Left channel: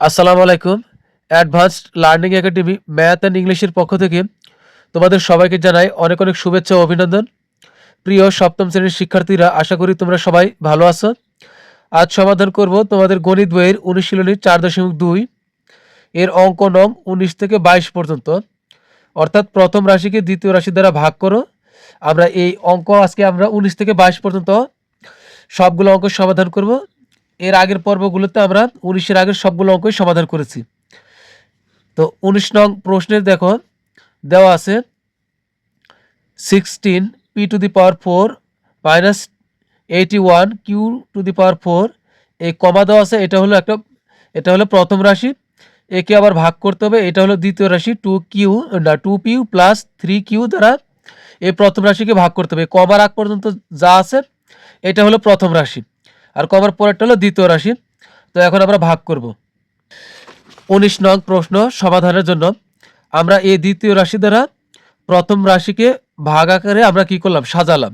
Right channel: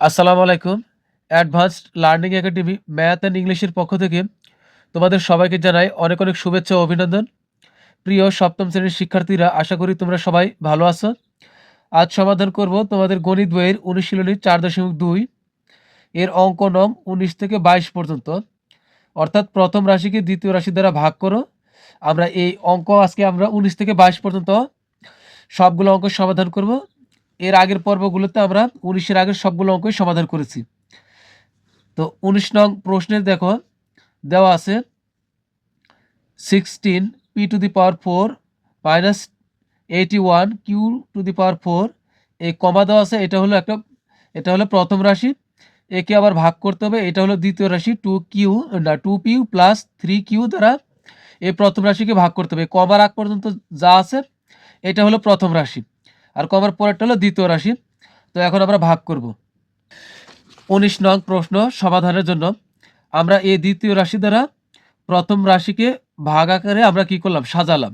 আসসালামু আলাইকুম। Advanced learning academy math and ইংলিশের পক্ষ থেকে তোমাদের সবাইকে জানাই অনেক অনেক শুভেচ্ছা ও অভিনন্দন। প্রিয় সপ্তম শ্রেণির শিক্ষার্থীরা, আশা করি তোমরা সবাই ভালো আছো। আজ সমাধান করব তোমাদের গণিত বইয়ের অনুশীলনী চার দশমিক দুই। এর অঙ্ক নং উনিশ থেকে বাইশ পর্যন্ত। অর্থাৎ প্রথম রাশিকে দ্বিতীয় রাশি দ্বারা ভাগ করো। আমরা এই অঙ্ক আজকে আমরা উনিশ থেকে বাইশ পর্যন্ত সবগুলো অঙ্ক সমাধান করব। এর আগের পর্বগুলোতে আমরা উনিশের আগের সবগুলো অঙ্কই সমাধান করেছি। তো উনিশ নং প্রশ্নের দেখো, দেওয়া আছে sixteen p to the power four minus eighty one q to the power four এই কমা দেওয়া আছে, এটা হলো একটা, এটা হলো প্রথম রাশি, একে আবার ভাগ করতে হবে, এটা হলো দ্বিতীয় রাশি টু কিউ না two p plus three q দ্বারা এই প্রথম রাশিকে ভাগ করতে হবে। কমার আগ পর্যন্ত যা আছে, এটা হলো প্রথম রাশি। আর কবার পরেরটা হলো দ্বিতীয় রাশি তো এখন আমরা ভাগ করব। উনিশ নং প্রশ্ন সমাধানের জন্য। আমরা এই দ্বিতীয় রাশি দ্বারা প্রথম রাশিকে ভাগ আকারে আমরা কি করলাম? সাজালাম।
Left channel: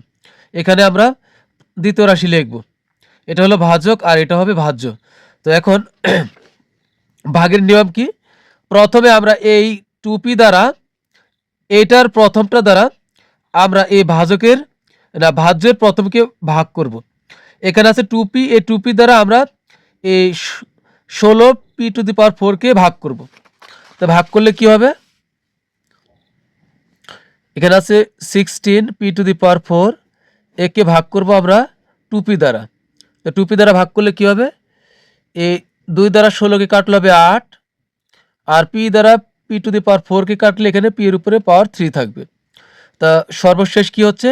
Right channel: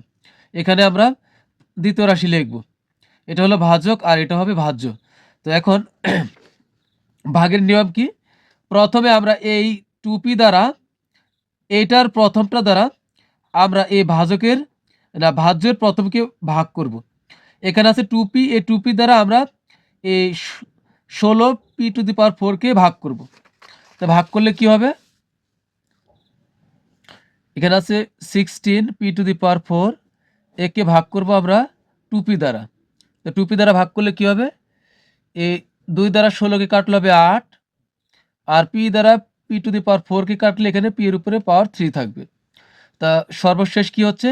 এখানে আমরা দ্বিতীয় রাশি লিখব। এটা হলো ভাজক আর এটা হবে ভাজ্য। তো এখন ভাগের নিয়ম কি? প্রথমে আমরা এই টুপি দ্বারা এইটার প্রথমটা দ্বারা আমরা এই ভাজকের না, ভাজ্যের প্রথমকে ভাগ করব। এখানে আছে টুপি এই টুপি দ্বারা আমরা এই ষোলো পি টু দি পাওয়ার ফোরকে ভাগ করব। তো ভাগ করলে কি হবে? এখানে আছে sixteen p to the power four একে ভাগ করব আমরা টুপি দ্বারা। তো টুপি দ্বারা ভাগ করলে কি হবে? এই দুই দ্বারা ষোলোকে কাটলে হবে আট, আর পি দ্বারা পি টু দি পাওয়ার ফোরকে কাটলে এখানে পি এর উপরে পাওয়ার থ্রি থাকবে। তা সর্বশেষ কি হচ্ছে?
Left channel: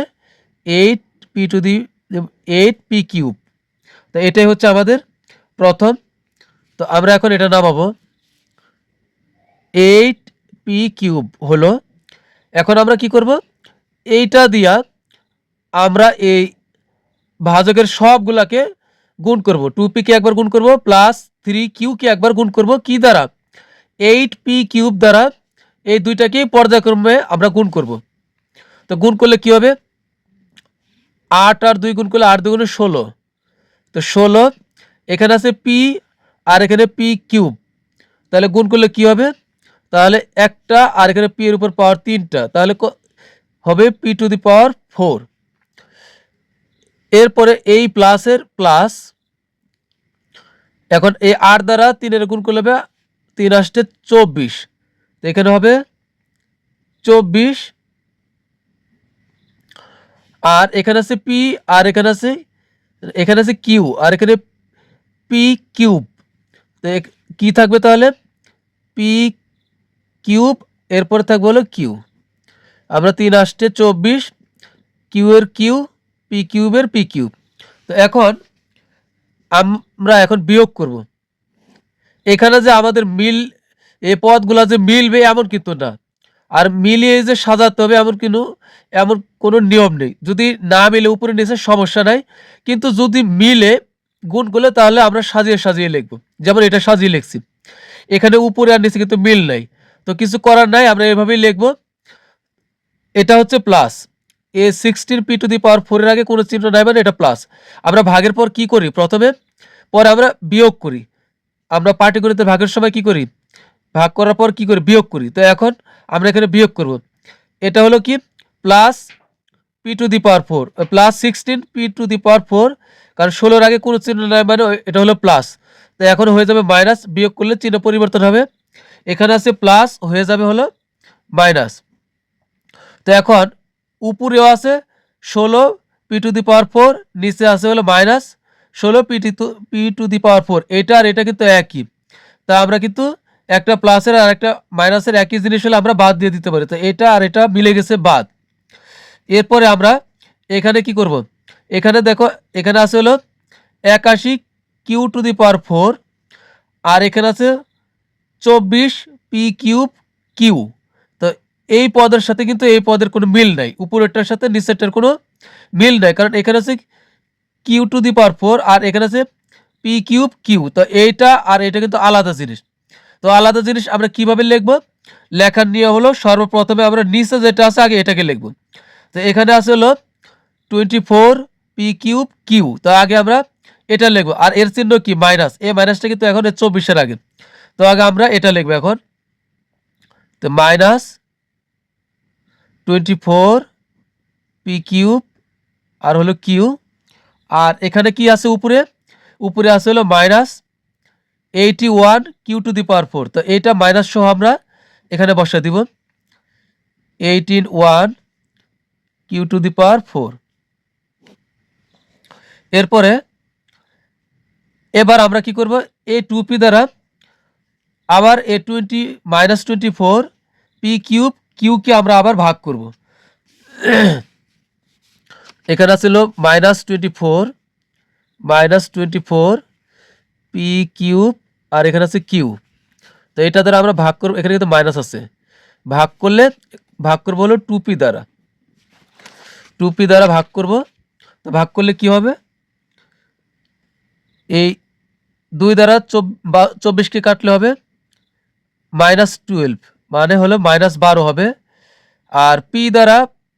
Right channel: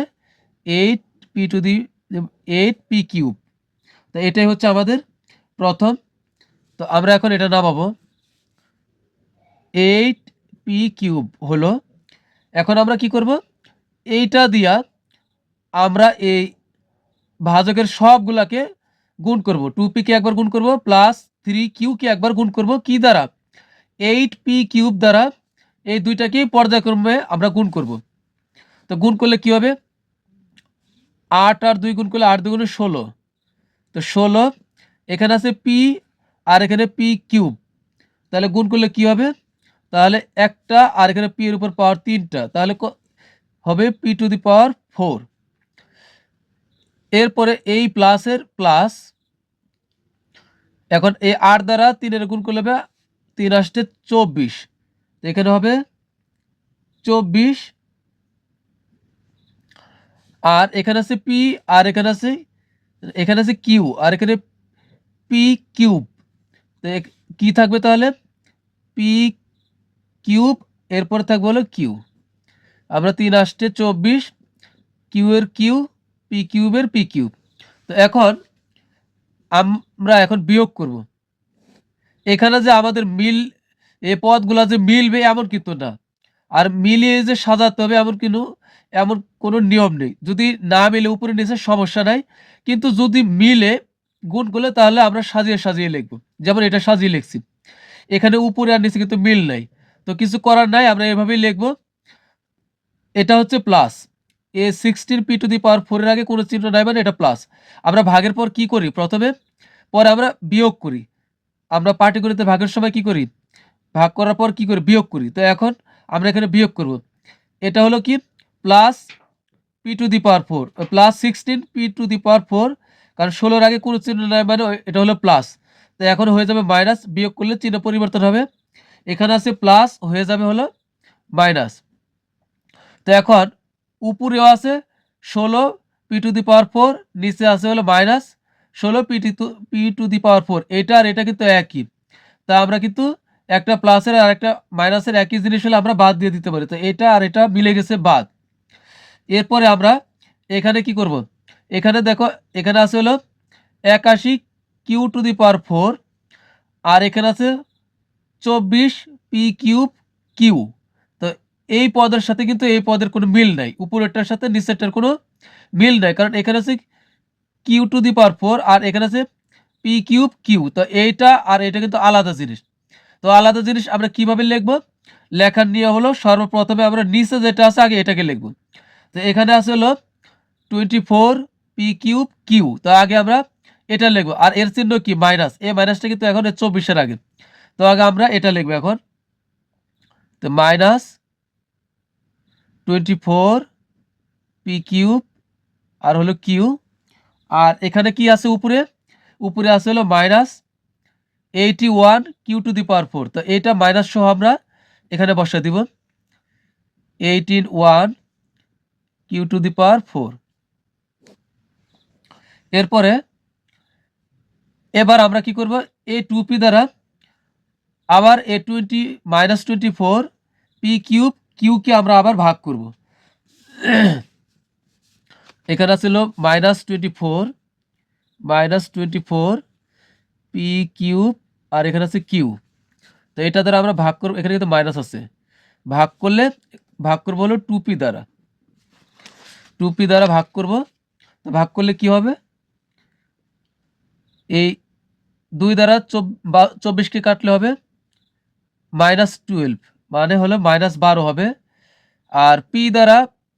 Eight p to the eight p cube তো এটাই হচ্ছে আমাদের প্রথম। তো আমরা এখন এটা নামাবো। এইট পি কিউব হলো। এখন আমরা কি করব? এইটা দিয়া আমরা এই ভাজকের সবগুলাকে গুণ করব। টু পিকে একবার গুণ করব প্লাস থ্রি কিউকে একবার গুণ করব। কি দ্বারা? এইট পি কিউব দ্বারা এই দুইটাকেই পর্যায়ক্রমে আমরা গুণ করব। তো গুণ করলে কি হবে? আট আর দুই গুণ করলে আট দুগুণে ষোলো। তো ষোলো, এখানে আছে পি আর এখানে পি কিউব তাহলে গুণ করলে কি হবে? তাহলে একটা আর এখানে পি এর উপর পাওয়ার তিনটা। তাহলে হবে p to the power four এরপরে এই প্লাসের প্লাস এখন এই আট দ্বারা তিনের গুণ করলে হবে তিন আসতে চব্বিশ। তো এখানে হবে চব্বিশ আর এখানে আছে পি আর এখানে আছে এখানে আছে কিউ আর এখানে পি কিউব কি থাকবে তাহলে? পি কিউব এরপর থাকবে হলো কিউ আমরা তিন আসতে চব্বিশ কিউ এর কিউ পি কিউবের পি কিউব তো এখন আমরা এখন বিয়োগ করব। এখানে যে আমাদের মিল এই পদগুলা যে মিলবে এমন কিন্তু না। আর মিলিয়ে যে সাজাতে হবে এমন কিন্তু এমন কোনো নিয়ম নেই। যদি না মিলে, উপরে নিচে সমস্যা নাই। কিন্তু যদি মিলে, গুণ করলে তাহলে আমরা সাজিয়ে সাজিয়ে লিখব। যেমন এটা সাজিয়ে লিখছি। এখানে উপরে আর নিচে কিন্তু মিল নাই। তো কিছু করার নাই, আমরা এভাবেই লিখব। এটা হচ্ছে plus A sixteen p to the power ফোরের আগে কোনো চিহ্ন নাই মানে এটা প্লাস আমরা ভাগের পর কি করি? প্রথমে, পরে আমরা বিয়োগ করি। আমরা পাটিগণিতে ভাগের সময় কি করি? ভাগ করার পর কি করি? বিয়োগ করি। তো এখন আমরা এখানে বিয়োগ করব। এটা হলো কি? Plus p to the power four plus sixteen p to the power four কারণ ষোলোর আগে কোনো চিহ্ন নাই মানে এটা হলো প্লাস তো এখন হয়ে যাবে মাইনাস বিয়োগ করলে চিহ্ন পরিবর্তন হবে। এখানে আছে প্লাস হয়ে যাবে হলো মাইনাস তো এখন উপরেও আছে ষোলো p to the power four নিচে আছে হলো মাইনাস ষোলো p to p to the power four এটা আর এটা কিন্তু একই। তা আমরা কিন্তু একটা প্লাসের আর একটা মাইনাসের একই জিনিস হলে আমরা বাদ দিয়ে দিতে পারি। তো এটা আর এটা মিলে গেছে বাদ। এরপরে আমরা এখানে কি করব? এখানে দেখো, এখানে আছে হলো একাশি q to the power four আর এখানে আছে চব্বিশ পি কিউব কিউ তো এই পদের সাথে কিন্তু এই পদের কোনো মিল নাই। উপরেরটার সাথে নিচেরটার কোনো মিল নাই। কারণ এখানে আছে q to the power four আর এখানে আছে পি কিউব কিউ তো এইটা আর এটা কিন্তু আলাদা জিনিস। তো আলাদা জিনিস আমরা কীভাবে লিখব? লেখার নিয়ম হলো সর্বপ্রথমে আমরা নিচে যেটা আছে আগে এটাকে লিখব। তো এখানে আছে হলো twenty four p cube q তো আগে আমরা এটা লিখব। আর এর চিহ্ন কি? মাইনাস এ মাইনাসটা কিন্তু এখন চব্বিশের আগে। তো আগে আমরা এটা লিখব এখন। তো minus twenty four p cube আর হলো কিউ আর এখানে কি আছে উপরে? উপরে আছে হলো minus eighty one q to the power four তো এইটা মাইনাস সহ আমরা এখানে বসা দিব। Eighteen one q to the power four এরপরে এবার আমরা কি করব? এই টু পি দ্বারা আবার এ twenty minus twenty four p cube কিউকে আমরা আবার ভাগ করব। এখানে ছিল minus twenty four minus twenty four p cube আর এখানে আছে কিউ। তো এটা দ্বারা আমরা ভাগ করব, এখানে কিন্তু মাইনাস আছে। ভাগ করলে, ভাগ করব হলো টু পি দ্বারা। টু পি দ্বারা ভাগ করব, তো ভাগ করলে কি হবে? এই দুই দ্বারা চব্বিশকে কাটলে হবে মাইনাস টুয়েলভ মানে হলো মাইনাস বারো হবে। আর পি দ্বারা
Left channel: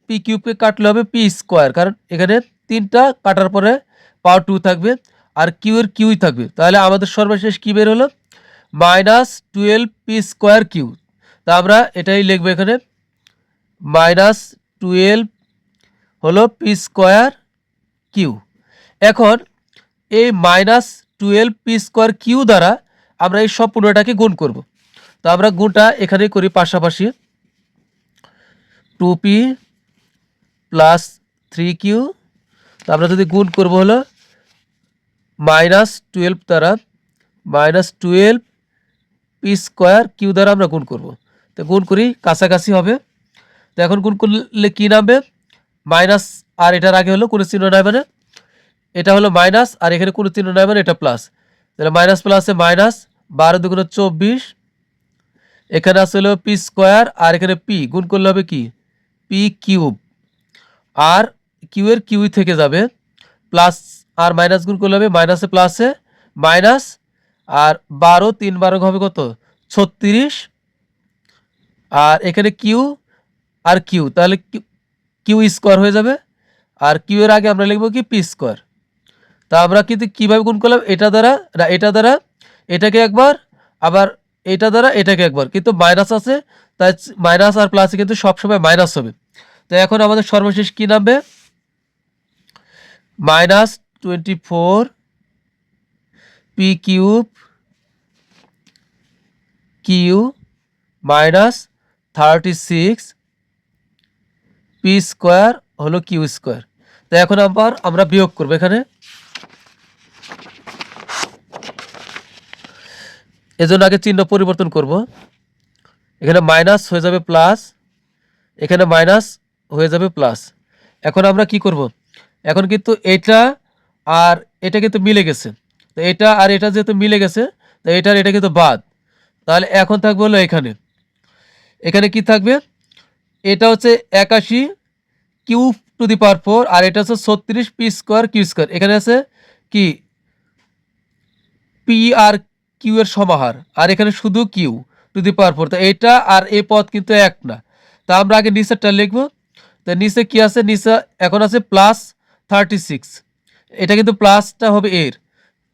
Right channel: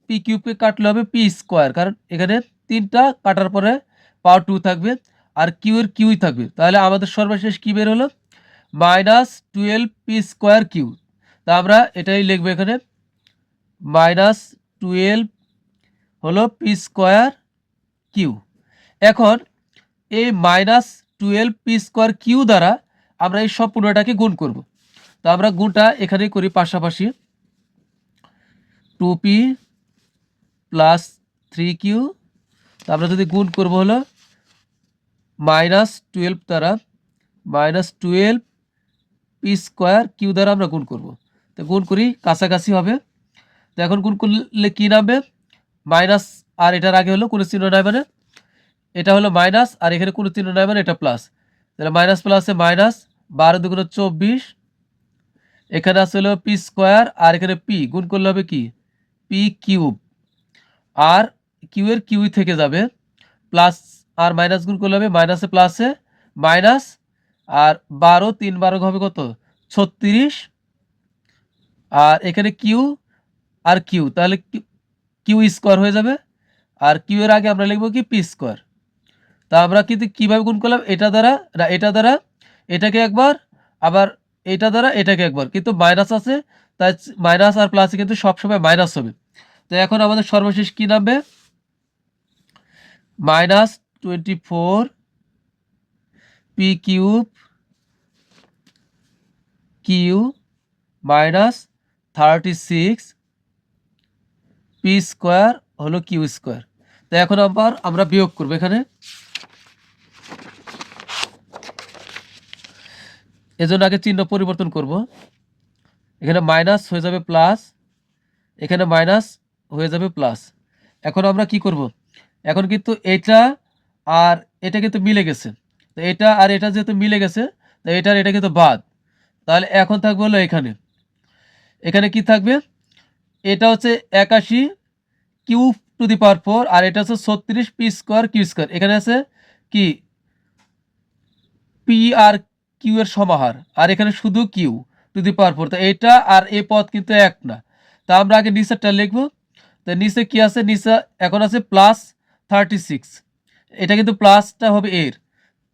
পি কিউবকে কাটলে হবে পি স্কোয়ার কারণ এখানে তিনটা কাটার পরে পাওয়ার টু থাকবে। আর কিউ এর কিউই থাকবে। তাহলে আমাদের সর্বশেষ কি বের হলো? Minus twelve p square q তা আমরা এটাই লিখব এখানে। মাইনাস টুয়েলভ হলো পি স্কোয়ার কিউ এখন এই minus twelve p square q দ্বারা আমরা এই সব পুরোটাকে গুণ করব। তো আমরা গুণটা এখানে করি পাশাপাশি। Two p plus three q তো আমরা যদি গুণ করব হলো মাইনাস টুয়েলভ দ্বারা minus twelve p square q দ্বারা আমরা গুণ করব। তো গুণ করি, কাছাকাছি হবে। তো এখন গুণ করলে কী নামবে? মাইনাস, আর এটার আগে হলো কোনো চিহ্ন নাই মানে। এটা হলো মাইনাস, আর এখানে কোনো চিহ্ন নাই মানে এটা প্লাস। তাহলে মাইনাস প্লাসে মাইনাস, বারো দুগুণ চব্বিশ। এখানে আছে হলো পি স্কোয়ার, আর এখানে পি। গুণ করলে হবে কি? P cube. আর কিউ এর কিউই থেকে যাবে, প্লাস আর মাইনাস গুণ করলে হবে মাইনাসে প্লাসে মাইনাস আর বারো তিন বারো হবে কত? ছত্রিশ। আর এখানে কিউ আর কিউ তাহলে কিউ স্কোয়ার হয়ে যাবে। আর কিউ এর আগে আমরা লিখব কি? পি স্কোয়ার তা আমরা কিন্তু কীভাবে গুণ করলাম? এটা দ্বারা, না, এটা দ্বারা, এটাকে একবার, আবার এটা দ্বারা, এটাকে একবার। কিন্তু মাইনাস আছে, তাই মাইনাস আর প্লাসে কিন্তু সবসময় মাইনাস হবে। তো এখন আমাদের সর্বশেষ কী নামবে? Minus twenty four p cube q minus thirty six p square হলো কিউ স্কোয়ার তো এখন আবার আমরা বিয়োগ করব এখানে। এজন্য আগে চিহ্ন পরিবর্তন করব। এখানে মাইনাস হয়ে যাবে প্লাস এখানে মাইনাস হয়ে যাবে প্লাস এখন আমরা কি করব? এখন কিন্তু এটা আর এটা কিন্তু মিলে গেছে। তো এটা আর এটা যেহেতু মিলে গেছে, তো এটার এটা কিন্তু বাদ। তাহলে এখন থাকবে হলো এখানে। এখানে কি থাকবে? এটা হচ্ছে একাশি q to the power four আর এটা হচ্ছে ছত্রিশ পি স্কোয়ার কিউ স্কোয়ার। এখানে আছে কি? পি আর কিউ এর সমাহার। আর এখানে শুধু q to the power four. তো এটা আর এ পদ কিন্তু এক না। তা আমরা আগে নিচেরটা লিখব। তো নিচে কি আছে? নিচে এখন আছে প্লাস থার্টি সিক্স এটা কিন্তু প্লাসটা হবে এর।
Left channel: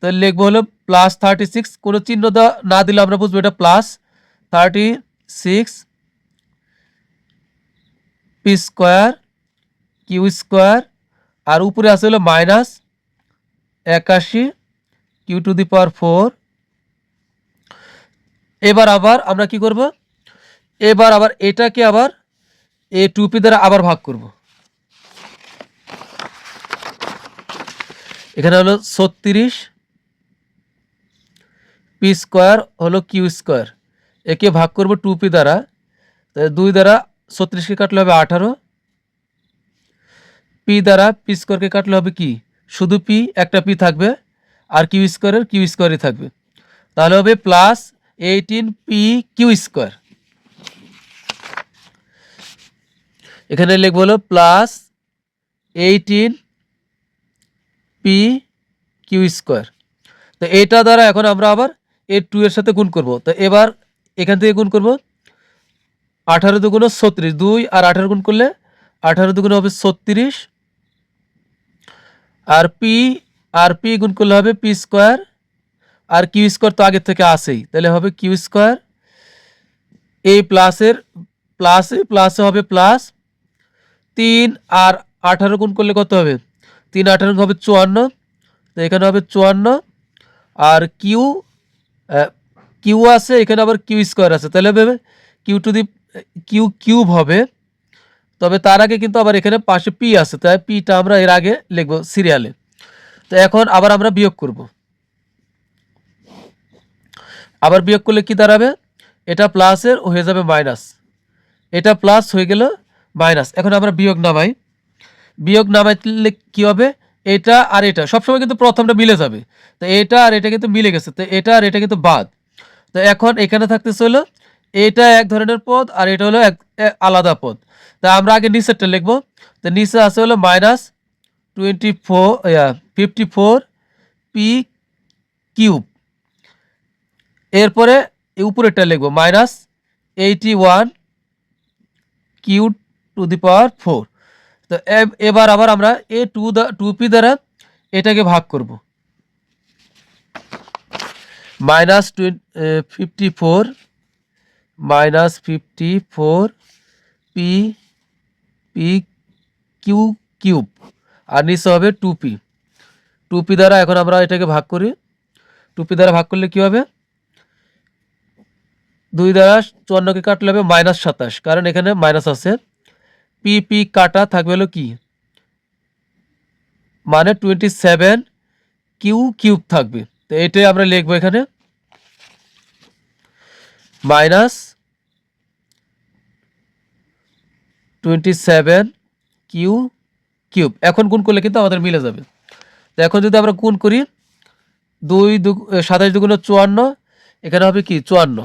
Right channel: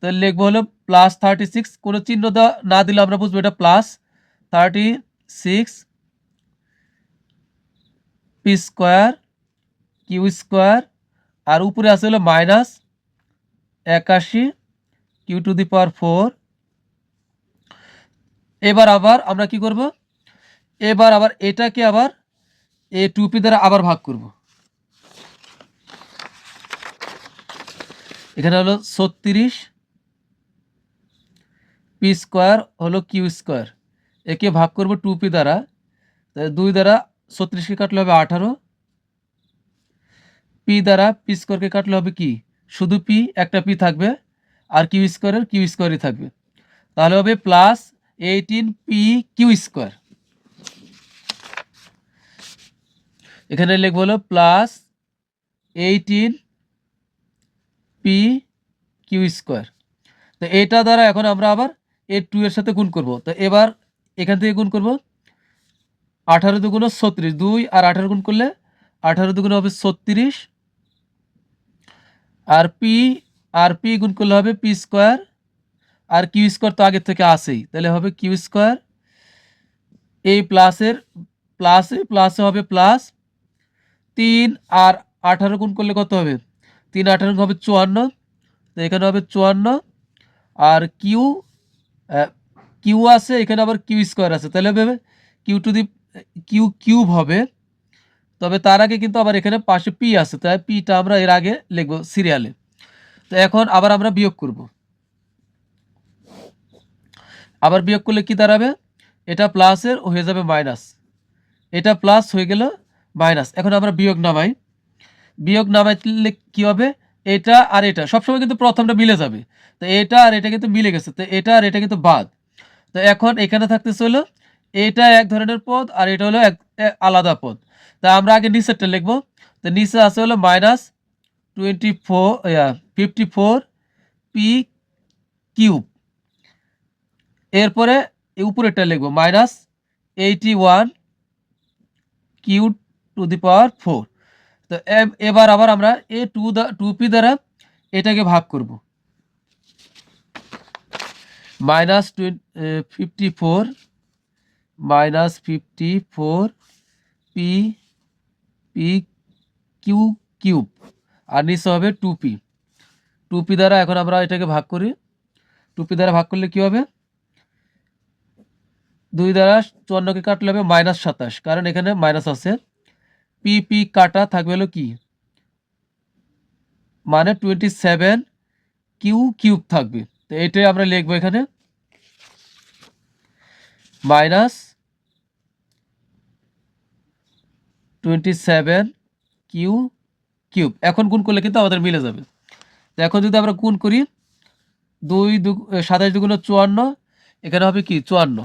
তো লিখব হলো প্লাস থার্টি সিক্স কোনো চিহ্ন না দিলে আমরা বুঝব এটা plus thirty six p square q square আর উপরে আছে হলো মাইনাস একাশি q to the power four এবার আবার আমরা কি করব? এবার আবার এটাকে আবার এ টুপি দ্বারা আবার ভাগ করব। এখানে হলো ছত্রিশ পি স্কোয়ার হলো কিউ স্কোয়ার। একে ভাগ করব টুপি দ্বারা। দুই দ্বারা ছত্রিশকে কাটলে হবে আঠারো। পি দ্বারা পি স্কোয়ারকে কাটলে হবে কি? শুধু পি, একটা পি থাকবে। আর কিউ স্কোয়ারের কিউ স্কোয়ারই থাকবে। তাহলে হবে plus eighteen p q square. এখানে লিখব হলো plus eighteen p q square তো এটা দ্বারা এখন আমরা আবার এর টু এর সাথে গুণ করব। তো এবার এখান থেকে গুণ করব আঠারো দুগুণ ছত্রিশ। দুই আর আঠারো গুণ করলে আঠারো দুগুণ হবে ছত্রিশ। আর পি আর পি গুণ করলে হবে পি স্কোয়ার আর কিউ স্কোয়ার তো আগের থেকে আসেই তাহলে হবে কিউ স্কোয়ার এই প্লাসের প্লাসে প্লাসে হবে প্লাস তিন আর আঠারো গুণ করলে কত হবে? তিন আঠারো হবে চুয়ান্ন, তো এখানে হবে চুয়ান্ন। আর কিউ কিউ আছে, এখানে আবার কিউ স্কোয়ার আছে। তাহলে হবে q to the q cube হবে। তবে তার আগে কিন্তু আবার এখানে পাশে পি আছে, তাই পিটা আমরা এর আগে লিখব সিরিয়ালে তো এখন আবার আমরা বিয়োগ করব। আবার বিয়োগ করলে কি দাঁড়াবে? এটা প্লাসের হয়ে যাবে মাইনাস এটা প্লাস হয়ে গেল মাইনাস এখন আমরা বিয়োগ নামাই। বিয়োগ নামাইলে কি হবে? এটা আর এটা। সবসময় কিন্তু প্রথমটা মিলে যাবে। তো এটা আর এটা কিন্তু মিলে গেছে। তো এটা আর এটা কিন্তু বাদ। তো এখন এখানে থাকতেছে হলো, এটা এক ধরনের পদ আর এটা হলো এক আলাদা পদ। তা আমরা আগে নিচেরটা লিখব। তো নিচে আছে হলো minus twenty four fifty four p cube এরপরে উপরেরটা লিখব। Minus eighty one q to the power four তো এব- এবার আবার আমরা এ টু দা, টু পি দ্বারা এটাকে ভাগ করব। Minus fifty four, minus fifty four p p q, cube. আর নিচে হবে টু পি। টু পি দ্বারা এখন আমরা এটাকে ভাগ করি। টু পি দ্বারা ভাগ করলে কি হবে? দুই দ্বারা চুয়ান্নকে কাটলে হবে মাইনাস সাতাশ। কারণ এখানে মাইনাস আছে। পি পি কাটা থাকবে হলো কি? মানে টোয়েন্টি সেভেন কিউ কিউব থাকবে। তো এটাই আমরা লিখব এখানে। Minus twenty seven q cube এখন গুণ করলে কিন্তু আমাদের মিলে যাবে। তো এখন যদি আমরা গুণ করি, দুই দু সাতাশ দুগুণ চুয়ান্ন, এখানে হবে কি? চুয়ান্ন।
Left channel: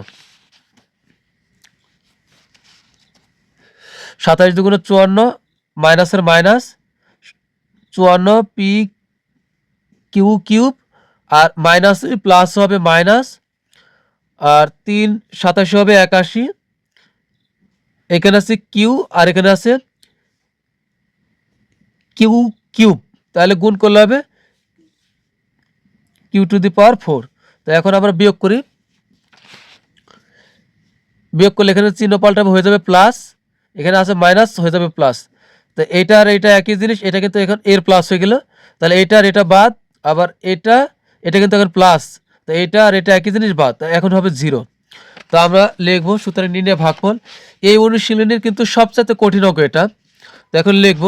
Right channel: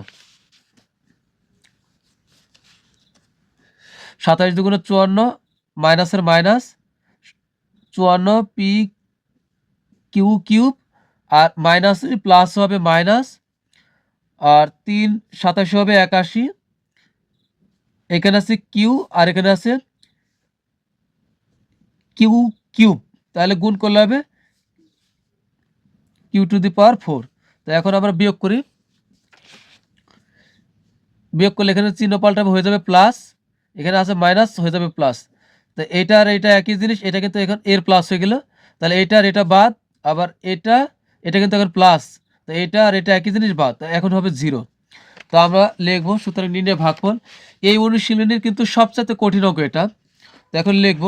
সাতাশ দুগুণ চুয়ান্ন মাইনাসের মাইনাস চুয়ান্ন পি কিউ কিউব আর মাইনাস প্লাস হবে মাইনাস আর তিন সাতাশি হবে একাশি এখানে আছে কিউ, আর এখানে আছে কিউ কিউব তাহলে গুণ করলে হবে q to the power four তো এখন আমরা বিয়োগ করি, বিয়োগ করলে এখানে চিহ্ন পাল্টাবে হয়ে যাবে প্লাস এখানে আছে মাইনাস হয়ে যাবে প্লাস তো এটা আর এটা একই জিনিস, এটা কিন্তু এখন এর প্লাস হয়ে গেল। তাহলে এটা আর এটা বাদ, আবার এটা এটা কিন্তু এখন প্লাস তো এটা আর এটা একই জিনিস বাদ এখন হবে জিরো তো আমরা লিখব সুতরাং নির্ণয় ভাগফল। এই অনুশীলনের কিন্তু সবচেয়ে কঠিন অঙ্ক এটা। তো এখন লিখব,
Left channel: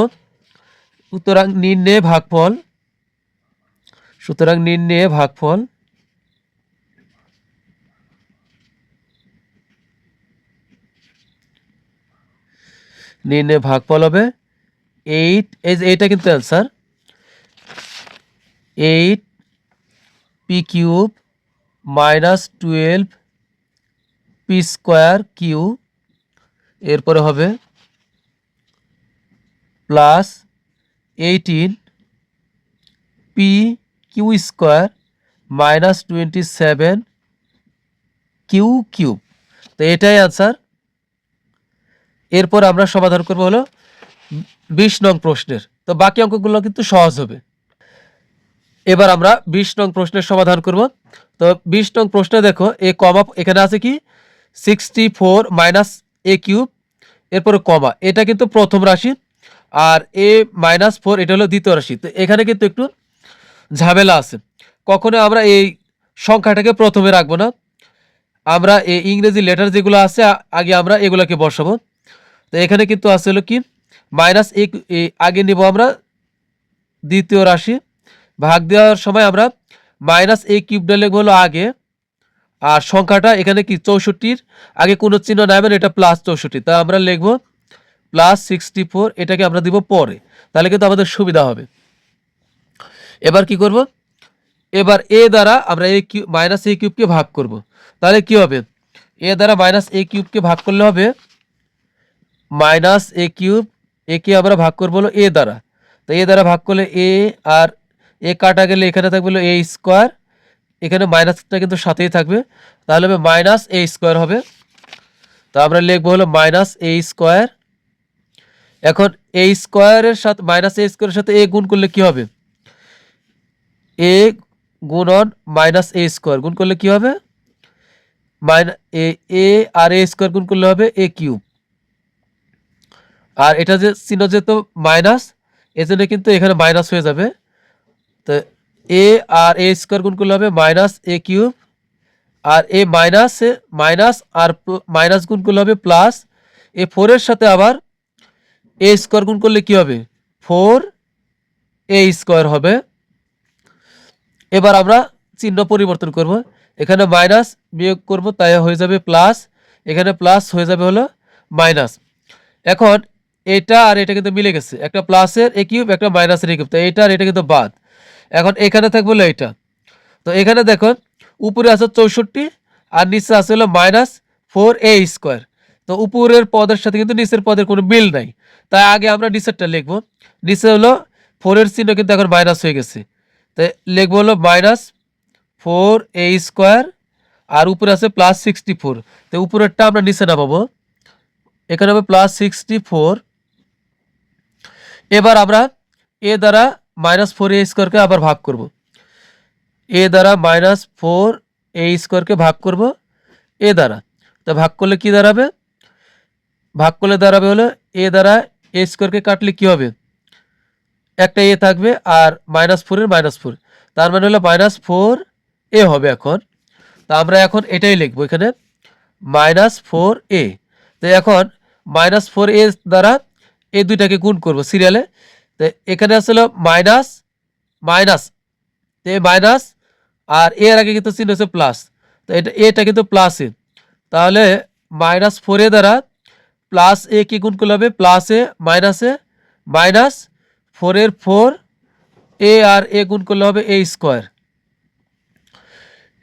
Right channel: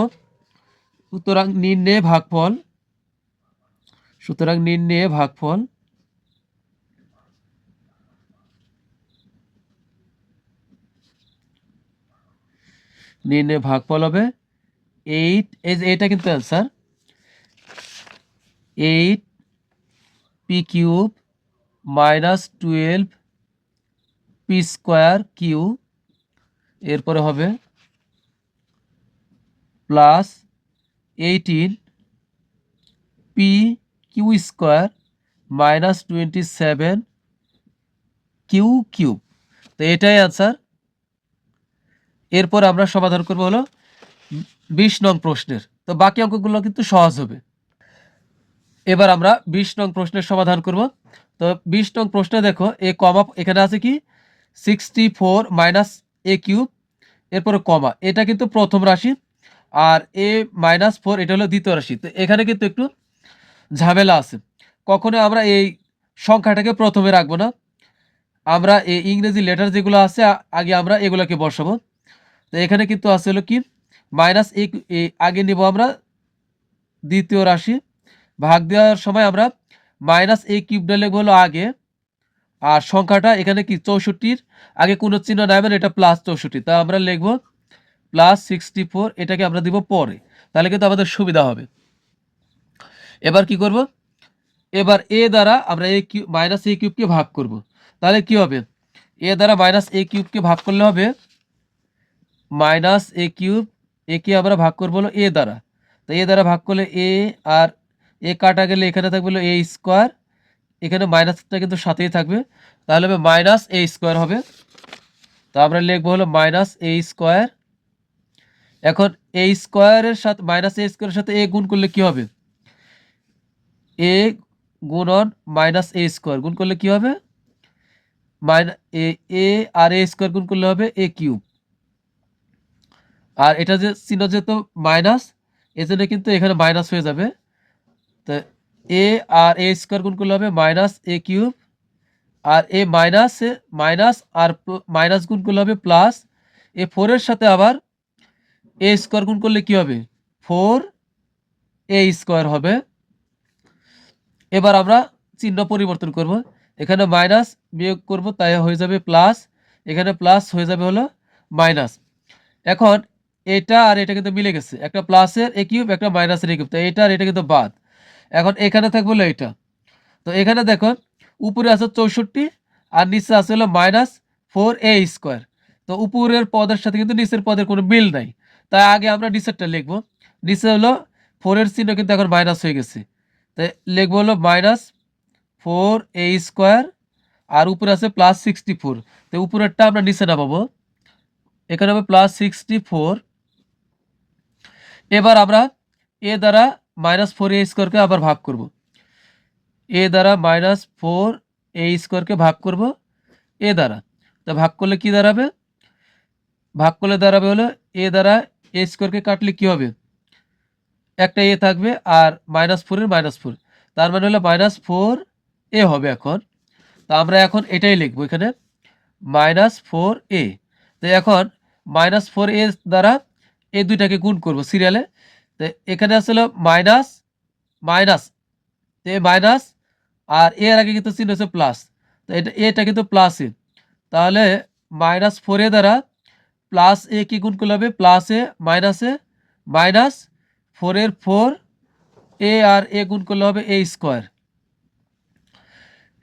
সুতরাং নির্ণয় ভাগফল, সুতরাং নির্ণয় ভাগফল নির্ণয় ভাগফল হবে এইট এই যে এইটা কিন্তু answer eight p cube minus twelve p square q এরপরে হবে plus eighteen p q square minus twenty seven q cube তো এটাই আনসার এরপর আমরা সমাধান করব হলো বিশ নং প্রশ্নের। তো বাকি অঙ্কগুলো কিন্তু সহজ হবে। এবার আমরা বিশ নং প্রশ্নের সমাধান করব। তো বিশ নং প্রশ্নে দেখো, এ কমা এখানে আছে কি? Sixty four minus a cube এরপরে কমা। এটা কিন্তু প্রথম রাশি আর এ মাইনাস ফোর এটা হলো দ্বিতীয় রাশি। তো এখানে কিন্তু একটু ঝামেলা আছে। কখনো আমরা এই সংখ্যাটাকে প্রথমে রাখব না। আমরা এই ইংরেজি লেটার যেগুলো আছে, আগে আমরা এগুলোকে বসাবো। তো এখানে কিন্তু আছে হলো কি? মাইনাস এক আগে নিব আমরা দ্বিতীয় রাশি। ভাগ দেওয়ার সময় আমরা মাইনাস এ কিউবটা লিখব হলো আগে। আর সংখ্যাটা এখানে কি? চৌষট্টির আগে কোনো চিহ্ন নেবেন এটা প্লাস চৌষট্টি। তা আমরা লিখব প্লাস সিক্সটি ফোর এটাকে আমরা দিব পরে। তাহলে কিন্তু আমাদের সুবিধা হবে। এবার কি করব? এবার এ দ্বারা আমরা এ কিউ, মাইনাস এ কিউবকে ভাগ করব। তাহলে কি হবে? এ দ্বারা মাইনাস এ কিউবকে ভাগ করলে হবে মাইনাস এ কিউব একে আমরা ভাগ করব হলো এ দ্বারা। তো এ দ্বারা ভাগ করলে এ আর এ কাটা গেলে এখানে থাকবে হলো এ স্কোয়ার, এখানে মাইনাসটা কিন্তু সাথেই থাকবে। তাহলে হবে মাইনাস এ স্কোয়ার হবে। তো আমরা লিখব হলো মাইনাস এ স্কোয়ার। এখন এ স্কোয়ারের সাথে, মাইনাস এ স্কোয়ারের সাথে এ গুণ করলে কি হবে? এ গুণন মাইনাস এ স্কোয়ার। গুণ করলে কি হবে? মাইনা এ আর এ স্কোয়ার গুণ করলে হবে এ কিউব। আর এটা যে চিহ্ন যেহেতু মাইনাস, এজন্য কিন্তু এখানে মাইনাস হয়ে যাবে। তো এ আর এ স্কোয়ার গুণ করলে হবে মাইনাস এ কিউব। আর এ মাইনাস মাইনাস আর মাইনাস গুণ করলে হবে প্লাস। এ ফোরের সাথে আবার এ স্কোয়ার গুণ করলে কি হবে? ফোর এ স্কোয়ার হবে। এবার আমরা চিহ্ন পরিবর্তন করব। এখানে মাইনাস বিয়োগ করব, তাই হয়ে যাবে প্লাস। এখানে প্লাস হয়ে যাবে হলো মাইনাস। এখন এটা আর এটা কিন্তু মিলে গেছে। একটা প্লাসের এ কিউব, একটা মাইনাসের এ কিউব। তো এটা আর এটা কিন্তু বাদ। এখন এখানে থাকবে হলো এটা। তো এখানে দেখো উপরে আছে চৌষট্টি, আর নিচে আছে হলো মাইনাস ফোর এ স্কোয়ার তো উপরের পদের সাথে কিন্তু নিচের পদের কোনো মিল নাই। তাই আগে আমরা নিচেরটা লিখব। নিচে হলো ফোরের চিহ্ন কিন্তু এখন মাইনাস হয়ে গেছে। তাই লিখব হলো মাইনাস ফোর এ স্কোয়ার আর উপরে আছে প্লাস সিক্সটি ফোর তো উপরেরটা আমরা নিচে নামাবো। এখানে হবে প্লাস সিক্সটি ফোর এবার আমরা এ দ্বারা মাইনাস ফোর এ স্কোয়ারকে আবার ভাগ করব। এ দ্বারা মাইনাস ফোর এ স্কোয়ারকে ভাগ করব এ দ্বারা। তা ভাগ করলে কি দাঁড়াবে? ভাগ করলে দাঁড়াবে হলো এ দ্বারা এ স্কোয়ারকে কাটলে কি হবে? একটা এ থাকবে আর মাইনাস ফোরের মাইনাস ফোর তার মানে হলো মাইনাস ফোর এ হবে এখন। তা আমরা এখন এটাই লিখব এখানে। Minus four a. তো এখন মাইনাস ফোর এ দ্বারা এই দুইটাকে গুণ করব সিরিয়ালে তো এখানে আসলে মাইনাস মাইনাস তো মাইনাস আর এর আগে কিন্তু চিহ্ন হচ্ছে প্লাস তো এটা এটা কিন্তু প্লাস এ। তাহলে মাইনাস ফোর এ দ্বারা প্লাস এ কি গুণ করলে হবে? Plus a minus a minus ফোরের ফোর এ আর এ গুণ করলে হবে এ স্কোয়ার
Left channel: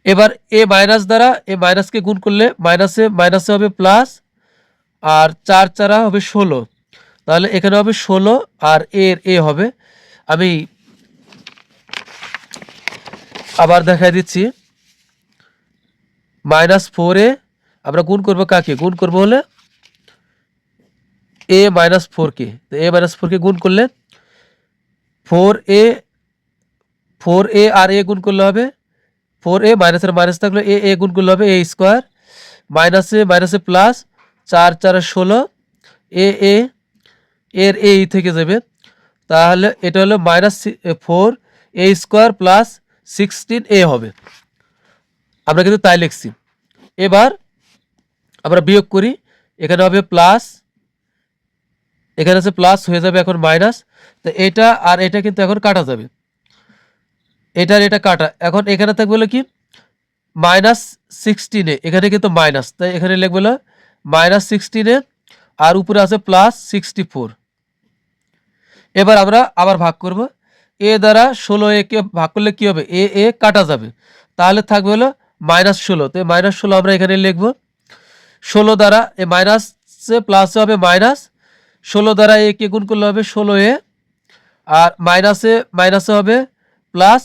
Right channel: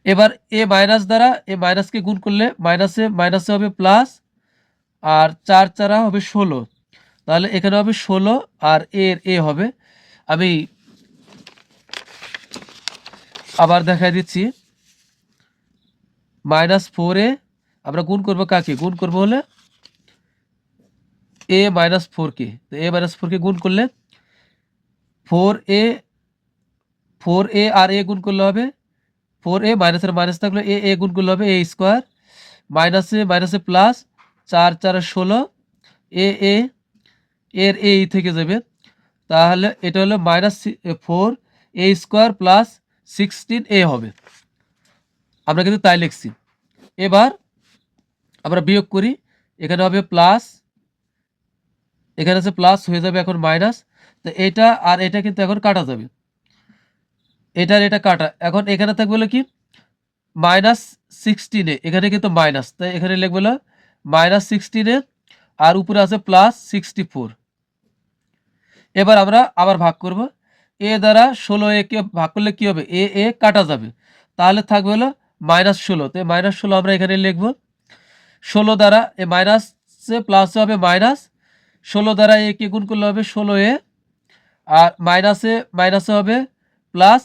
এবার এ মাইনাস দ্বারা, এ মাইনাসকে গুণ করলে মাইনাসে মাইনাসে হবে প্লাস আর চার চারা হবে ষোলো। তাহলে এখানে হবে ষোলো আর এর এ হবে। আমি আবার দেখাই দিচ্ছি। মাইনাস ফোর আমরা গুণ করব কাকে? গুণ করব হলে এ মাইনাস ফোর কে। তো এ মাইনাস ফোর কে গুণ করলে ফোর এ ফোর এ আর এ গুণ করলে হবে ফোর এ মাইনাসের মাইনাস থাকলে এ এ গুণ করলে হবে এ স্কোয়ার মাইনাসে মাইনাসে প্লাস চার চার ষোলো এ এ এর এ থেকে যাবে। তাহলে এটা হলো minus four a square plus sixteen a হবে। আমরা কিন্তু তাই লিখছি। এবার আমরা বিয়োগ করি। এখানে হবে প্লাস এখানে আছে প্লাস হয়ে যাবে এখন মাইনাস তো এটা আর এটা কিন্তু এখন কাটা যাবে। এটা আর এটা কাটা। এখন এখানে থাকবে কি? মাইনাস সিক্সটিনে এখানে কিন্তু মাইনাস তাই এখানে লিখবে মাইনাস সিক্সটিনে আর উপরে আছে প্লাস সিক্সটি ফোর এবার আমরা আবার ভাগ করব। এ দ্বারা ষোলো এ কে ভাগ করলে কি হবে? এ এ কাটা যাবে। তাহলে থাকবে হলো মাইনাস ষোলো। তো মাইনাস ষোলো আমরা এখানে লিখব। ষোলো দ্বারা এ মাইনাসে প্লাস হবে মাইনাস। ষোলো দ্বারা এ কে গুণ করলে হবে ষোলো এ। আর মাইনাসে মাইনাসে হবে প্লাস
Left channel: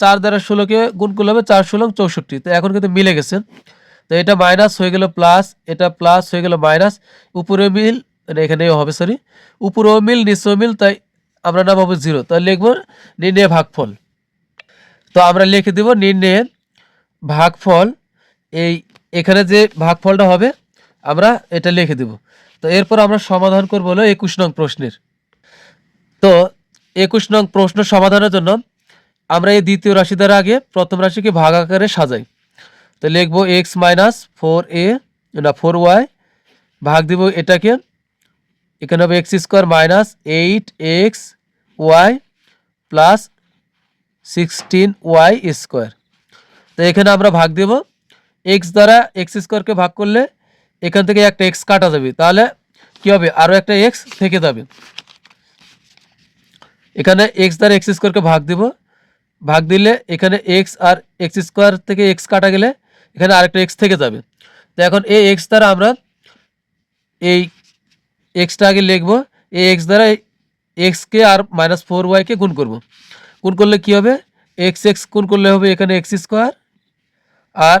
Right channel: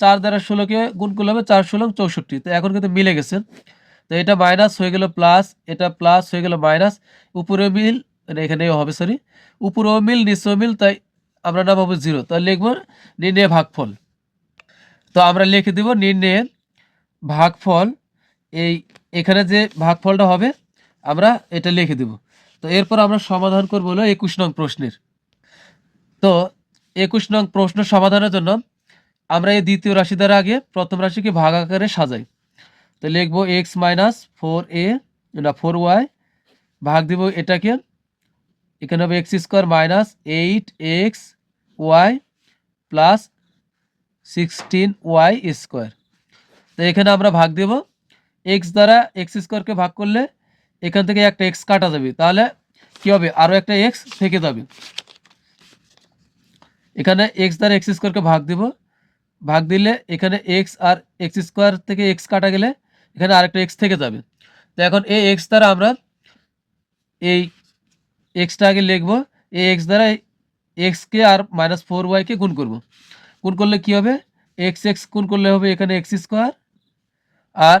চার দ্বারা ষোলোকে গুণ করলে হবে চার ষোলো চৌষট্টি। তো এখন কিন্তু মিলে গেছে। তো এটা মাইনাস হয়ে গেল প্লাস এটা প্লাস হয়ে গেল মাইনাস। উপরে মিল এখানেও হবে সরি উপরেও মিল, নিচেও মিল, তাই আমরা নাম হবে জিরো। তাই লিখব নির্ণয় ভাগফল। তো আমরা লিখে দেব নির্ণয়ের ভাগফল। এই এখানে যে ভাগফলটা হবে, আমরা এটা লিখে দেব। তো এরপর আমরা সমাধান করব হলো একুশ নং প্রশ্নের। তো একুশ নং প্রশ্ন সমাধানের জন্য আমরা এই দ্বিতীয় রাশি দ্বারা আগে প্রথম রাশিকে ভাগ আকারে সাজাই। তো লিখব এক্স মাইনাস ফোর এ, না, ফোর ওয়াই, ভাগ দিব এটাকে এখানে হবে x square minus eight x y plus sixteen y square তো এখানে আমরা ভাগ দেব। এক্স দ্বারা এক্স স্কোয়ারকে ভাগ করলে এখান থেকে একটা এক্স কাটা যাবে। তাহলে কি হবে? আরও একটা এক্স থেকে যাবে। এখানে এক্স দ্বারা এক্স স্কোয়ারকে ভাগ দেব। ভাগ দিলে এখানে এক্স আর এক্স স্কোয়ার থেকে এক্স কাটা গেলে এখানে আরেকটা এক্স থেকে যাবে। তো এখন এই এক্স দ্বারা আমরা এই এক্সটা আগে লিখব, এই এক্স দ্বারা এক্সকে আর মাইনাস ফোর ওয়াইকে গুণ করব। গুণ করলে কি হবে? এক্স এক্স গুণ করলে হবে এখানে এক্স স্কোয়ার আর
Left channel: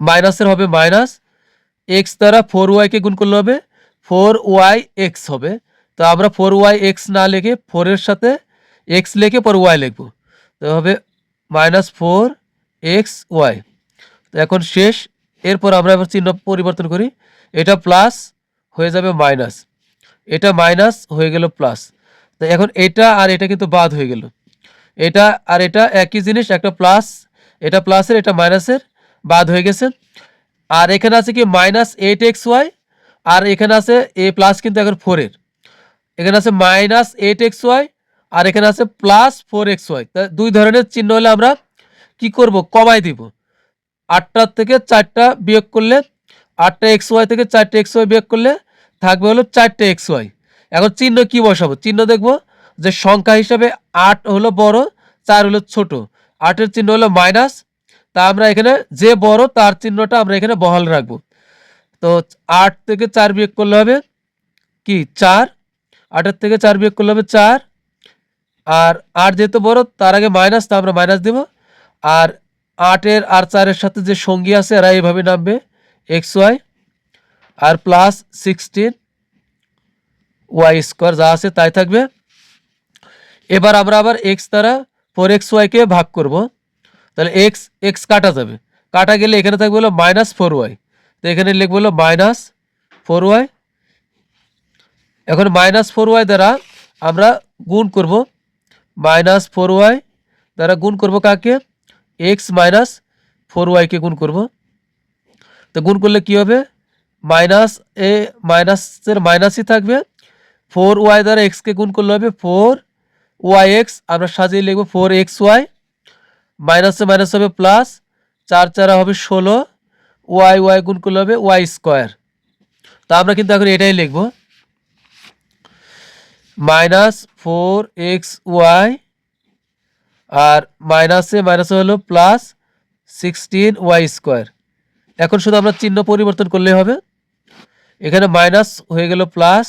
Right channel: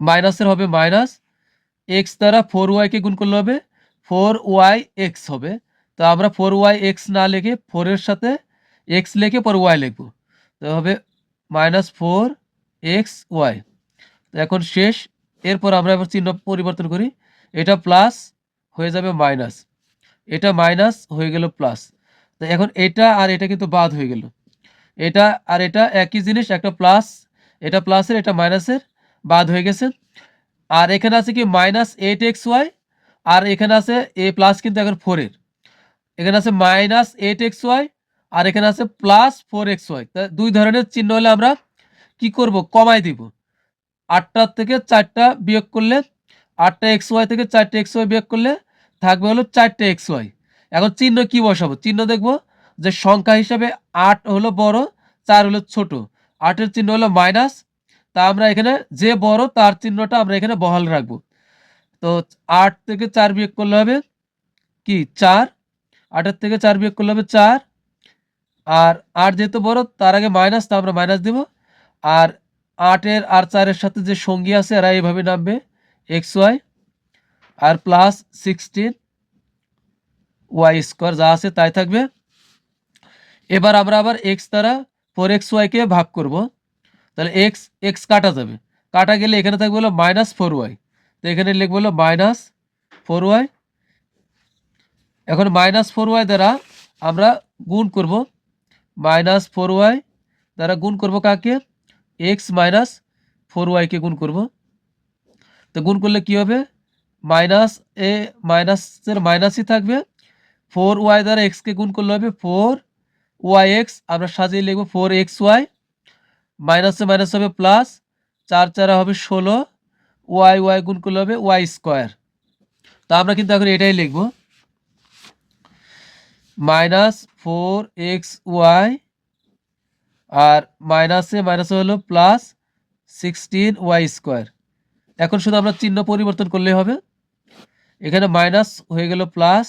মাইনাসের হবে মাইনাস এক্স দ্বারা ফোর ওয়াইকে গুণ করলে হবে ফোর ওয়াই এক্স হবে। তো আমরা ফোর ওয়াই এক্স না লিখে ফোরের সাথে এক্স লিখে পর ওয়াই লিখব। তো হবে মাইনাস ফোর এক্স ওয়াই তো এখন শেষ, এরপর আমরা এবার চিহ্ন পরিবর্তন করি। এটা প্লাস হয়ে যাবে মাইনাস এটা মাইনাস হয়ে গেল প্লাস তো এখন এটা আর এটা কিন্তু বাদ হয়ে গেল। এটা আর এটা একই জিনিস, একটা প্লাস এটা প্লাসের এটা মাইনাসের বাদ হয়ে গেছে। আর এখানে আছে কি মাইনাস এইট এক্স ওয়াই আর এখানে আছে এ প্লাস কিন্তু এখন ফোরের এখানে আছে মাইনাস এইট এক্স ওয়াই আর এখানে আছে প্লাস ফোর এক্স ওয়াই তা দুই ধরনের চিহ্ন হলে আমরা কি করব? কমাই দিব। আটটার থেকে চারটা বিয়োগ করলে, আটটা এক্স ওয়াই থেকে চারটে এক্স ওয়াই বিয়োগ করলে থাকবে হলো চারটে এক্স ওয়াই এখন চিহ্ন কি বসাবো? চিহ্ন দেখব যে সংখ্যা হিসাবে আট হলো বড়, চার হলো ছোট। আটের চিহ্ন হলো মাইনাস তা আমরা এখানে যে বড় তার চিহ্নটা আমরা এখানে বহাল রাখব। তো আট থেকে চার বিয়োগ করলে হবে কি? চার। আটের থেকে চার বিয়োগ করলে হবে চার। আর আট যেহেতু বড়, তার আগে মাইনাস তা আমরা মাইনাস দেব। আর আটের আর চারের সাথে যে সঙ্গী আছে, এরা এইভাবে নামবে এক্স ওয়াই আর প্লাস সিক্সটিন ওয়াই স্কোয়ার যা আছে তাই থাকবে এবার আমরা আবার এক্স দ্বারা ফোর এক্স ওয়াইকে ভাগ করব তাহলে এক্স এক্স কাটা যাবে কাটা গেলে এখানে থাকবে হলো মাইনাস ফোর ওয়াই তো এখানে লিখব হলো মাইনাস ফোর ওয়াই এখন মাইনাস ফোর ওয়াই দ্বারা আমরা গুণ করব মাইনাস ফোর ওয়াই দ্বারা গুণ করব কাকে এক্স মাইনাস ফোর ওয়াইকে গুণ করব তো গুণ করলে কি হবে মাইনাস এ, মাইনাসের মাইনাসই থাকবে। ফোর ওয়াই দ্বারা এক্সকে গুণ করলে হবে ফোর ওয়াই এক্স। আমরা সাজিয়ে লিখব ফোর এক্স ওয়াই। মাইনাসে মাইনাস হবে প্লাস, চার চারা হবে ষোলো। ওয়াই ওয়াই গুণ করলে হবে ওয়াই স্কোয়ার। তা আমরা কিন্তু এখন এটাই লিখব। মাইনাস ফোর এক্স ওয়াই আর মাইনাসে মাইনাসে হলো প্লাস সিক্সটিন ওয়াই স্কোয়ার। এখন শুধু আমরা চিহ্ন পরিবর্তন করলেই হবে। এখানে মাইনাস হয়ে গেল প্লাস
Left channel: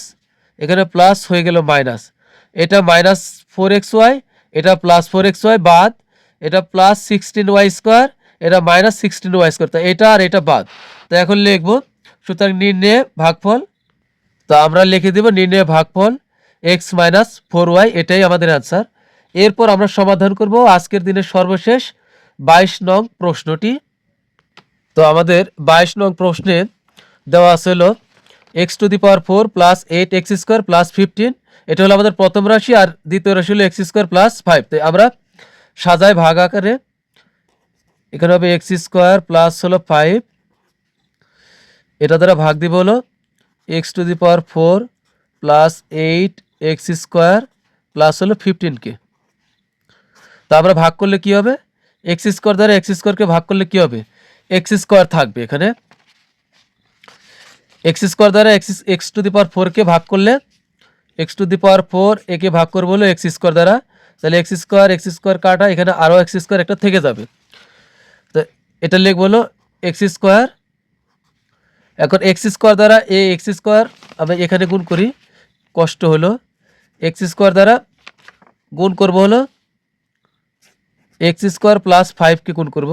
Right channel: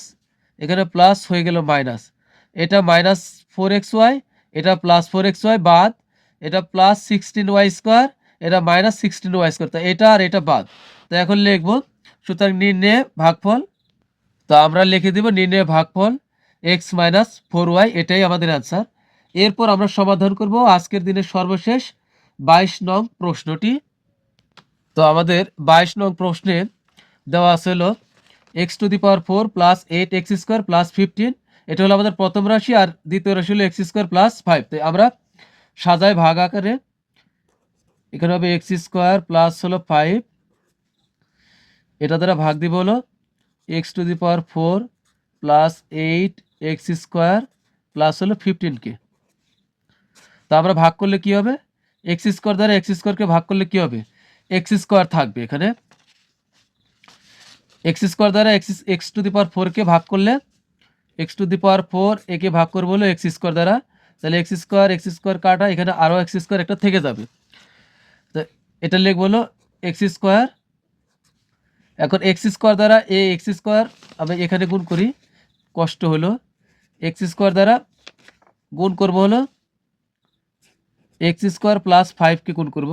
এখানে প্লাস হয়ে গেল মাইনাস এটা মাইনাস ফোর এক্স ওয়াই এটা প্লাস ফোর এক্স ওয়াই বাদ, এটা প্লাস সিক্সটিন ওয়াই স্কোয়ার এটা মাইনাস সিক্সটিন ওয়াই স্কোয়ার তা এটা আর এটা বাদ। তো এখন লিখব, সুতরাং নির্ণয়ে ভাগফল, তো আমরা লিখে দেব নির্ণয়ে ভাগফল এক্স মাইনাস ফোর ওয়াই এটাই আমাদের অ্যান্সার এরপর আমরা সমাধান করব আজকের দিনের সর্বশেষ বাইশ নং প্রশ্নটি। তো আমাদের বাইশ নং প্রশ্নে দেওয়া আছে x to the power four plus eight x square plus fifteen এটা হলো আমাদের প্রথম রাশি আর দ্বিতীয় রাশি হলো এক্স স্কোয়ার প্লাস ফাইভ তো আমরা সাজাই ভাগ আকারে। এখানে হবে এক্স স্কোয়ার প্লাস হলো ফাইভ এটা দ্বারা ভাগ দিব হলো x to the power four plus eight x square plus হলো ফিফটিনকে তো আমরা ভাগ করলে কি হবে? এক্স স্কোয়ার দ্বারা এক্স স্কোয়ারকে ভাগ করলে কি হবে? এক্স স্কোয়ার থাকবে এখানে। এক্স স্কোয়ার দ্বারা x x to the power ফোরকে ভাগ করলে, x to the power four একে ভাগ করব হলো এক্স স্কোয়ার দ্বারা। তাহলে এক্স স্কোয়ার এক্স স্কোয়ার কাটা, এখানে আরও এক্স স্কোয়ার একটা থেকে যাবে। তো এটা লিখব হলো এক্স স্কোয়ার। এখন এক্স স্কোয়ার দ্বারা এ, এক্স স্কোয়ার আমরা এখানে গুণ করি, কষ্ট হলো। এক্স স্কোয়ার দ্বারা গুণ করব হলো, এক্স স্কোয়ার প্লাস ফাইভকে গুণ করব।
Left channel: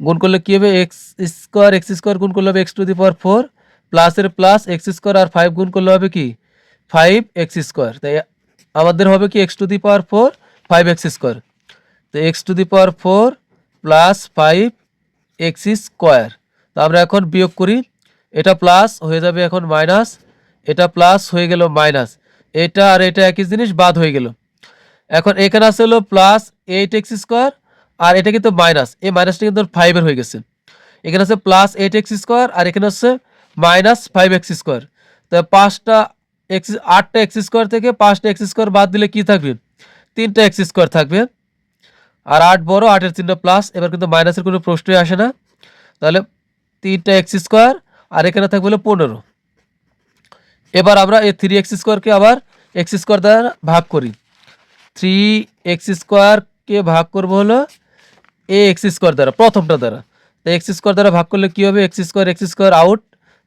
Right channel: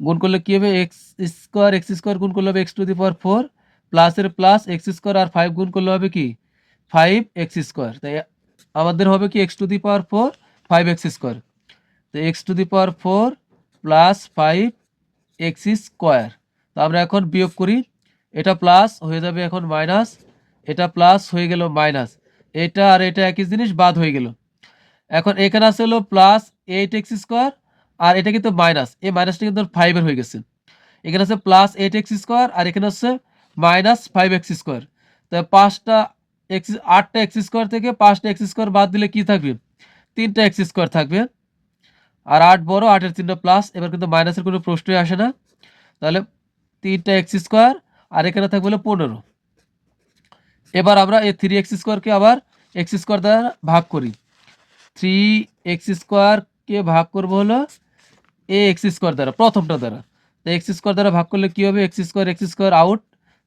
গুণ করলে কী হবে? এক্স স্কোয়ার এক্স স্কোয়ার গুণ করলে হবে x to the power four প্লাসের প্লাস এক্স স্কোয়ার আর ফাইভ গুণ করলে হবে কি? ফাইভ এক্স স্কোয়ার তাই আমাদের হবে কি x to the power four five x square তো x to the power four plus five x square তো আমরা এখন বিয়োগ করি। এটা প্লাস হয়ে যাবে এখন মাইনাস এটা প্লাস হয়ে গেল মাইনাস এটা আর এটা একই জিনিস বাদ হয়ে গেল। এখন এখানে আছে হলো প্লাস এইট এক্স স্কোয়ার আর এটা কিন্তু মাইনাস এই মাইনাসটা কিন্তু ফাইভের হয়ে গেছে। এখানে আছে প্লাস এইট এক্স স্কোয়ার আর এখানে হচ্ছে মাইনাস ফাইভ এক্স স্কোয়ার তো পাঁচটা এক্স আটটা এক্স স্কোয়ার থেকে পাঁচটা এক্স স্কোয়ার বাদ দিলে কি থাকবে? তিনটা এক্স স্কোয়ার থাকবে। আর আট বড়, আটের চিহ্ন প্লাস এবার কিন্তু মাইনাসের কোনো প্রশ্নই আসে না। তাহলে তিনটা এক্স স্কোয়ার আর এখানে থাকবে হলো পনেরো। এবার আমরা এই থ্রি এক্স স্কোয়ারকে আবার এক্স স্কোয়ার দ্বারা ভাগ করি। থ্রি এক্স স্কোয়ারকে ভাগ করব হলো এ এক্স স্কোয়ার দ্বারা, প্রথমটা দ্বারা। তো এক্স স্কোয়ার দ্বারা ভাগ করলে কী হবে? X square x square out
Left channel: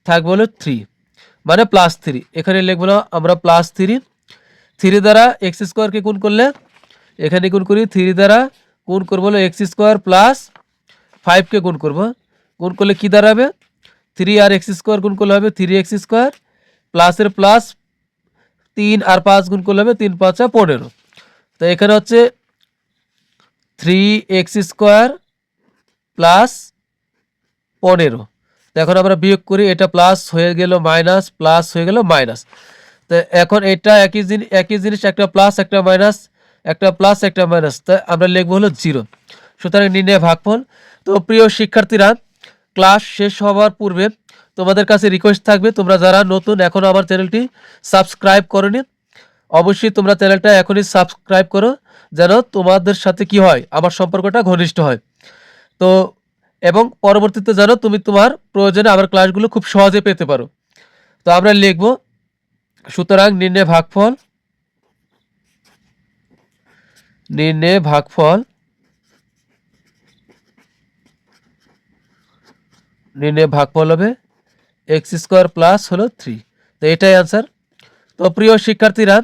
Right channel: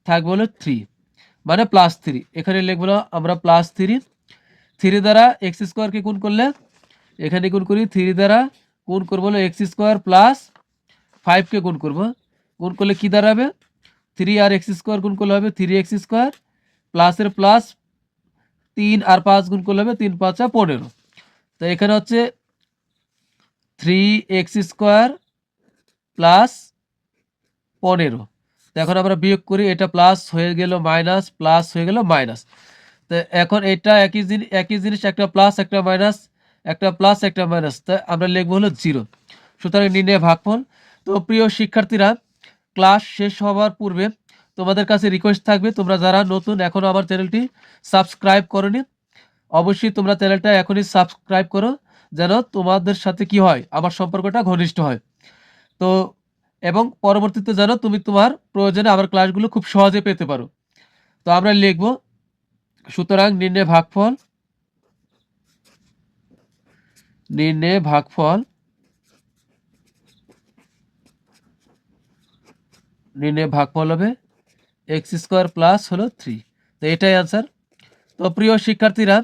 থাকবে হলো থ্রি মানে প্লাস থ্রি এখানে লিখব আমরা প্লাস থ্রি থ্রি দ্বারা এক্স স্কোয়ারকে গুণ করলে, এখানে গুণ করি থ্রি দ্বারা গুণ করব হলো এক্স স্কোয়ার প্লাস ফাইভকে গুণ করব। গুণ করলে কী দাঁড়াবে? থ্রি আর এক্স স্কোয়ার গুণ করলে হবে থ্রি এক্স স্কোয়ার প্লাসের প্লাস তিন আর পাঁচ গুণ করলে হবে তিন, পাঁচা পনেরো। তো এখানে হচ্ছে থ্রি এক্স স্কোয়ার প্লাস পনেরো। এখন আমরা বিয়োগ করি, এটা প্লাস হয়ে গেল মাইনাস প্লাস হয়ে গেল মাইনাস তো এখন এটা একই জিনিস একই জিনিস, একটা প্লাস একটা মাইনাস একটা প্লাস একটা মাইনাস তা আমরা লিখব হলো জিরো সুতরাং নির্ণয় ভাগফল। তো প্রিয় শিক্ষার্থীরা ক্লাস শেষ হওয়ার পূর্বে তোমাদের কাছে রিকোয়েস্ট থাকবে, তোমরা যারা নতুন, এখন আমার চ্যানেলটি সাবস্ক্রাইব করনি, অবশ্যই তোমরা চ্যানেলটা এখনই সাবস্ক্রাইব করো। যেন তোমাদের সাথে কি হয়? আমার সম্পর্কটা ঘনিষ্ঠ হয়। তো, এবং পরবর্তীতে যেন তুমি তোমার প্রয়োজনে আমার ক্লাসগুলো খুব সহজে পেতে পারো। তো আমরা লিখব, সুতরাং নির্ণয় ভাগফল নির্ণয় ভাগফল নির্ণয় ভাগফল হবে এক্স স্কোয়ার প্লাস হলো থ্রি তো এটাই আনসার তো প্রিয় শিক্ষার্থীরা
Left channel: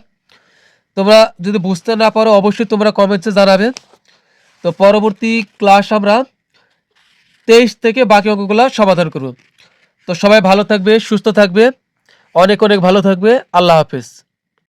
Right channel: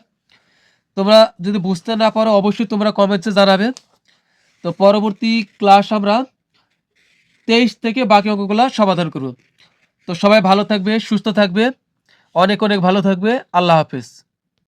তোমরা যদি বুঝতে না পারো, অবশ্যই তোমরা কমেন্টসে জানাবে। তো পরবর্তী ক্লাস আমরা তেইশ থেকে বাকি অঙ্কগুলো সমাধান করব। তো সবাই ভালো থাকবে, সুস্থ থাকবে, অনেক অনেক ভালো থাকবে। আল্লাহ হাফেজ।